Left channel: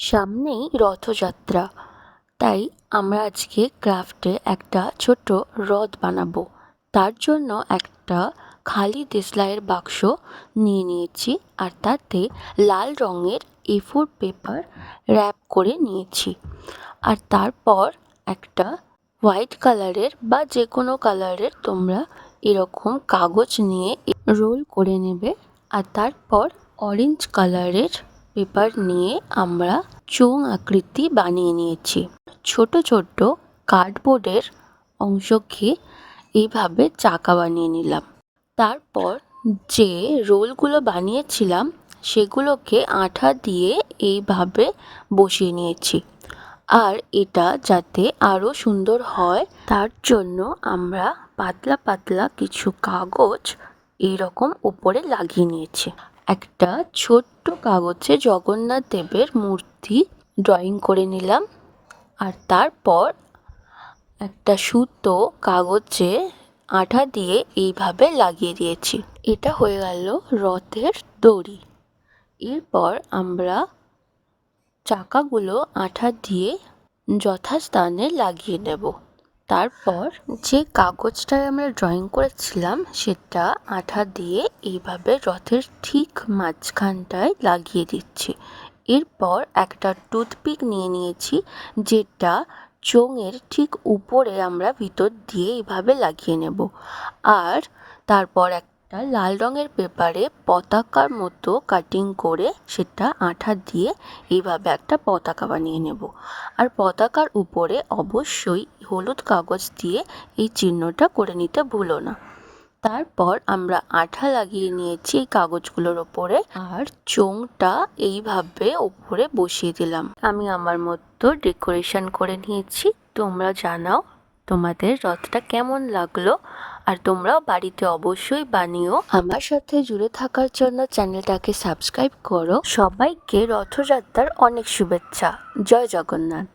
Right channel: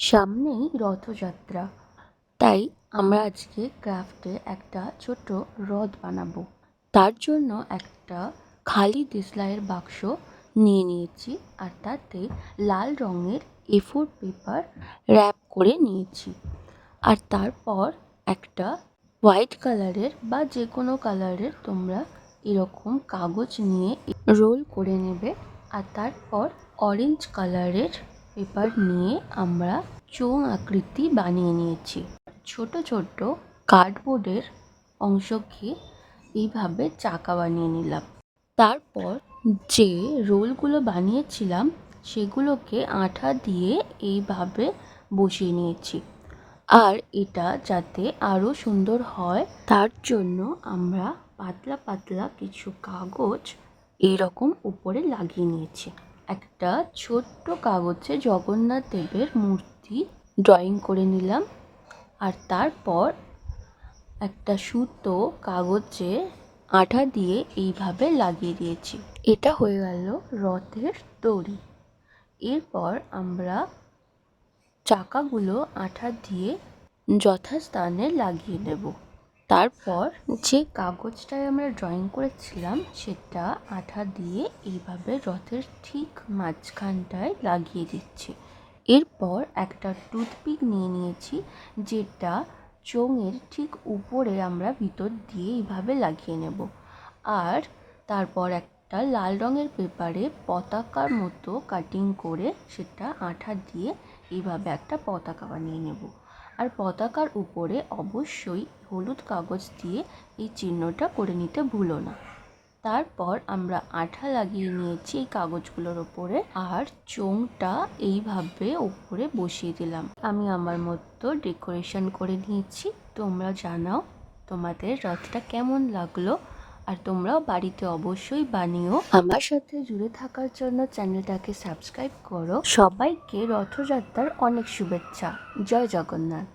সামনেই রথযাত্রা, তাই আমরা আজকে ক্রাফটে একটা ছোট রথ বানাবো। তার জন্য একটা খালি দেশলাইয়ের বাক্স নিয়ে নিয়েছি, আর তাতে লাল রঙের A4 পেপার র্যাপ করে নিয়েছি। আর তারপর একটা হোয়াইট কালারের বা যে কোনো কালারের তোমরা এরকম কাগজ নিয়ে রোল করে নেবে। আর তারপর অরেঞ্জ কালারের পেপার নিয়ে আমরা চোঙ আকৃতি বানিয়ে নিয়েছি। ছোট ছোট কার্ডবোর্ডের অংশকে এইভাবে চাকা বানিয়ে নিলাম। তারপর যে রোলগুলো বানিয়েছিলাম সেগুলোকে আঠা দিয়ে এইভাবে বসিয়ে নিয়েছি। আর এটা যাতে আরও সুন্দর হয় তার জন্য আমরা পাতলা পাতলা কিছু কাগজ এইরকম উপরে লাগিয়ে নিয়েছি। একটা ছোট্ট কাগজে জগন্নাথ দেবের মূর্তি ড্রয়িং করে নিলাম। আর তারপর একটা সুতো কাগজে আঠা দিয়ে এইভাবে লাগিয়ে দিয়েছি। এটা হয়ে গেল রথের দড়ি। এরপর আমরা চাকাগুলো আঠা দিয়ে যথাস্থানে লাগিয়ে নেব। তারপর যে কাগজটায় আমরা ড্রয়িং করেছিলাম সেটা আঠা দিয়ে এইভাবে রথের ঠিক মাঝখানটায় লাগিয়ে দিচ্ছি। এরপর একটা টুথপিক নিয়ে নিয়েছি, যেটা চোঙের ঠিক উপরে আমরা ভিতর দিয়ে এইভাবে লাগিয়ে নেব। আর তারপর একটা লাল রঙের পেপারে পতাকার মতো কাটিং করে সেটা আঠা দিয়ে এইভাবে একটা পতাকা বানিয়ে নেব। আর পতাকার উপরে অবশ্যই হলুদ কাগজ দিয়ে এই চিহ্নটা করে নিতে ভুলো না। তারপর আমরা আঠা লাগিয়ে নিয়েছি এই কাগজগুলোর ওপরে, আর চোঙটা এইভাবে উপরে বসিয়ে দিলাম। আমি আমার মতো ডেকোরেশন করে নিয়েছি। তোমরা জানাও তোমাদের রথটা কেমন লাগলো, আর তোমরাও বাড়িতে অবশ্যই বানিও। আমার সাথে জুড়ে থাকার জন্য চ্যানেলটাকে সাবস্ক্রাইব করো। সবাইকে রথযাত্রার অনেক শুভেচ্ছা। জয় জগন্নাথ।